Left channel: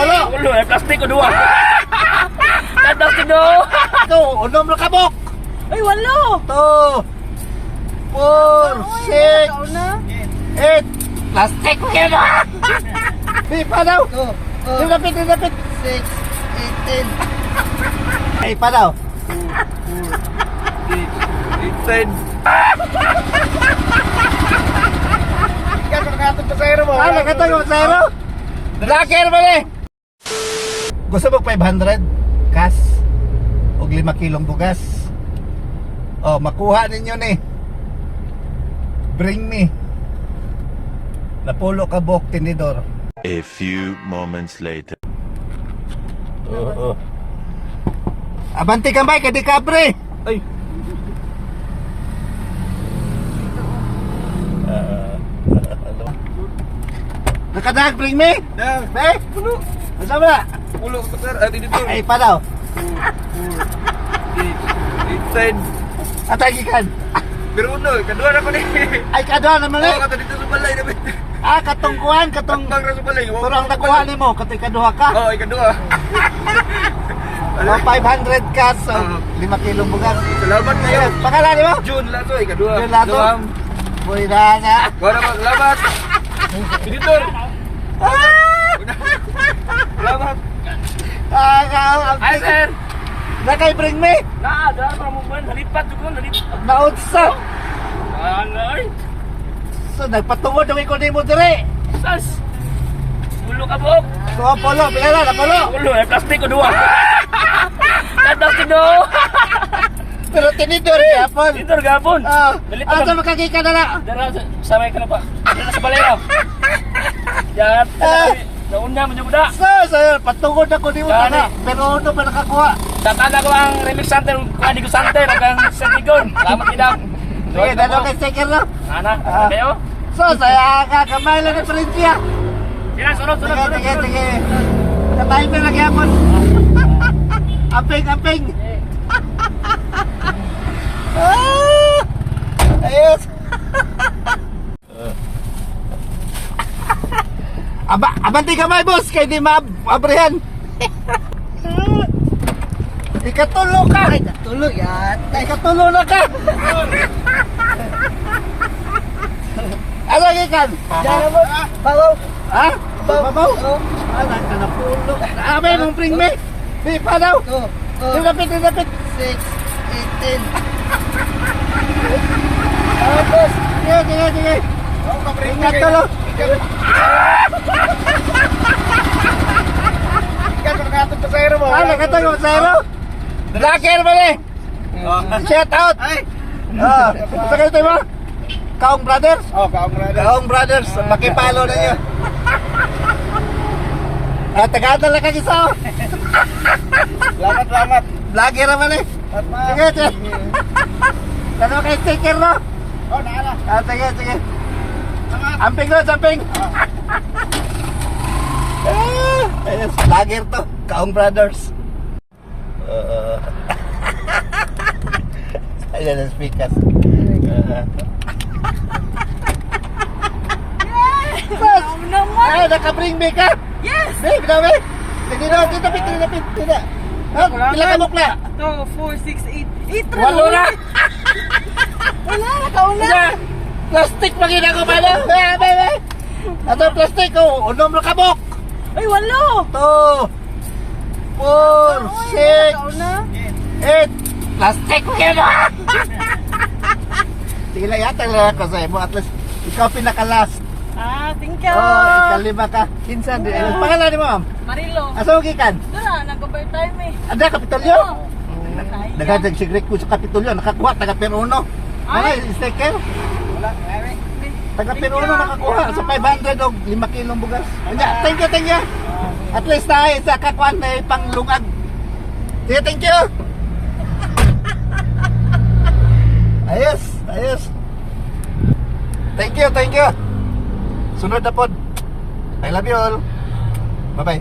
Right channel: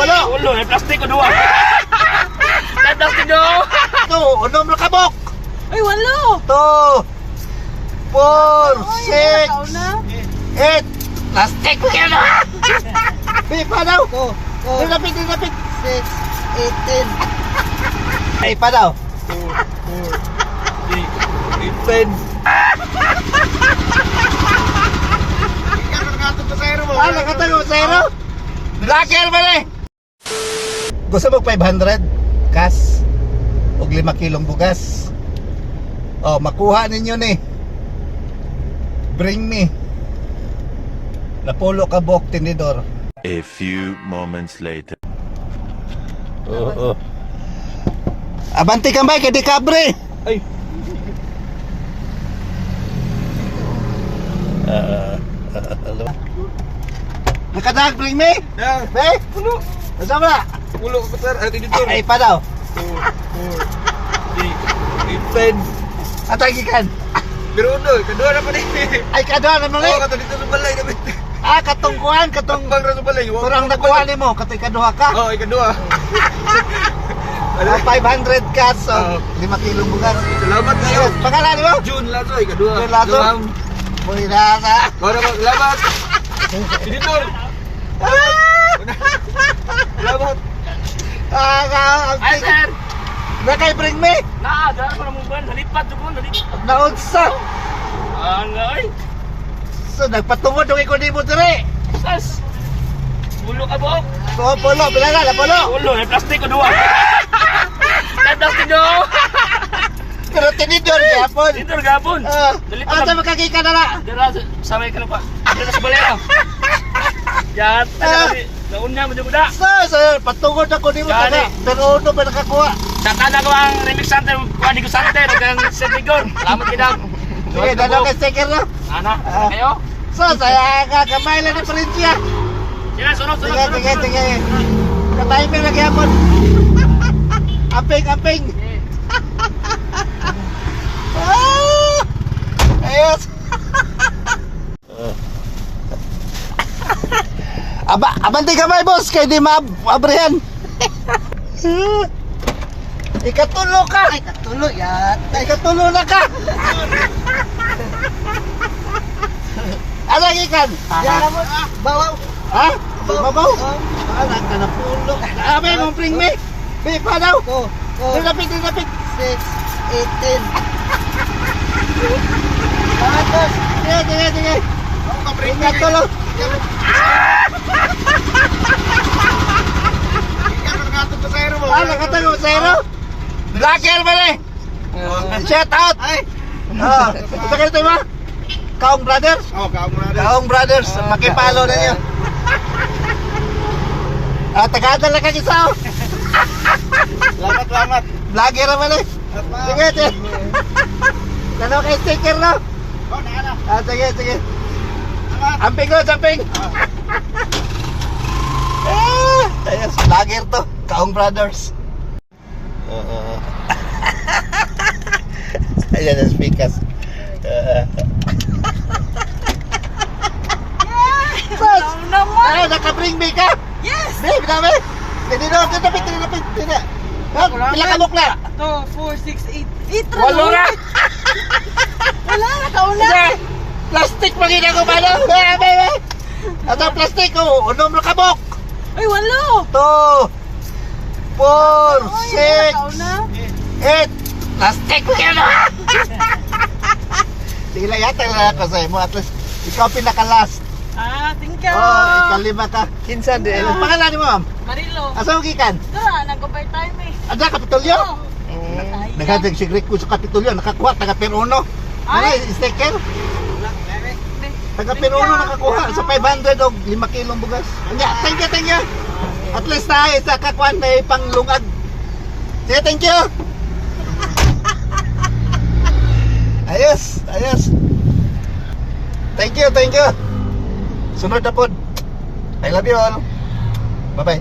Napolo. Ulo, may plastic ko duwa. May plastic do. Ito, unom na kabok. Ay, walo! 2, 4, 6, 8. Plastic ko yan. Di pa daw. Go! Dinapit, dinapit. 6, 8, 10. Ay pa daw. 2, 4, 8, 10. Ikaw nakatog sa zero mo. Ah, nakatago sa zero. Blacker man eh. Gusto mo 500 cash o 5 kilong bugas? Oh, makuha ninyo ni. Bring me. Napolo kabok tinidor. A few moments later. Oo. Abanti ka ba kay di kabre? Ay. Nakadag bring me? Yeah. Be? Ulo. Asa ba? Ulo ko sir. Ay, dito. Ay pa daw. 2, 4, 8, 10. Atagi kan. Pero uno, kadua na pa ni. Ay kado naman Oh, eh. kata dito sa balay na bit. Ah, katungkuhan, katong Bang ra sa balay. turang nakuha nimo, katoy kaduha ka. Oh, ikadua. Oh, 500 cash so 5 kilong bugas. Salamat kayo. Yes, pangalan nimo? June Lato, ikadua. June Lato? Duham. Boy nasa. Wala ba, salamat. Dito. Salamat. Ay, sir. Nakay bring me. Dara pa mo ban, nalipat ko, nalipat. Naunsa. Angay. So nagpatungod yung ikaw nimo dire. Sas. Ulo ka bok. Ko polo, bilala na polo. Ulo, may plastic ko duwa. May plastic do. Pero tinidor gyapon. Dito gapon. Ah, Nalipat asa ka. makakita na na. Dara samay ka na pa. Dara sa balay. Yan, nauna mo jud da. Sir, patungod ako nimo Gani. kana. Pero uno ba nakakuha? Tatanda ko ang remix center, kuha di ko center, hanggang Sentigon. Salamat kidam. Sige, dalaw kay sticker no. Ana, kayo? So, saya kamay lang ni Prinsya. Sila, sunod. Sige. Kamay mo magyapon. Amping. Ah! Ayos. Abanti kamay boss, kay di maabrihan. Ikatulo ka. Ikatulo yan. Ikatulo na ka. Ano ikan? Yan mo. Bawaw. Ha? Babaw? Oh. Anak ka na pulo. Abay mong bring me. Be pa daw. Go! Dinapit. 6, 8, 10. Salamat, boss. Sige. Ingat tulo. Ikaw nakatog sa zero mo. Ah, nakatago sa zero. Blacker man eh. Shout out. Ay! Sa kayo tayo ba? Kaong Brothers? Oh, kaamura. Kaong Brothers. Makipalo na niyo. Tagadal na ka isa oh. Salamat. Vlogger naman eh. At Sige. Dalawa kayo sticker no? Oh, naala. Sige. Salamat. Amping. Ayos, vlogger to. Kaong Brothers. Ayan ang speakers. Bas! Ay, naka-bring me ka? Yes! Babe, dami. Tinapit. Tidak. Pila ka mukla? 2, 4, 6, 8. 8 Walo na. Wala, nakauna. Sige. Plastic pa gina ko pala. Babe. Ato plastic ko. Unom na kabok. Ay, walo. 2, 4, 6, Nakauna. 8. Plastic ko yan. Sige lang yata lang ako sa'yo mo. At least, ikaw pinaka-last. Thank you. Ikalima ka. Kinsan. Pangalan mo, ma'am? Marilo. Asa mo kikan? Tara, nag-overtime eh. Ada, Kapitolyo? Oo. Naghadag sigret ko sa Kapitolyo. Nakakuha, taga Peruno. Ano, sticker? Wala, may. Taga Peruno nakakuha sa 500 o 5 kilong bugas. Thank you. At least tayo sa kakuan na panglungag. Sige, thank you. Ayos. Thank you. Sunod na pod. I love you all. Bye-bye.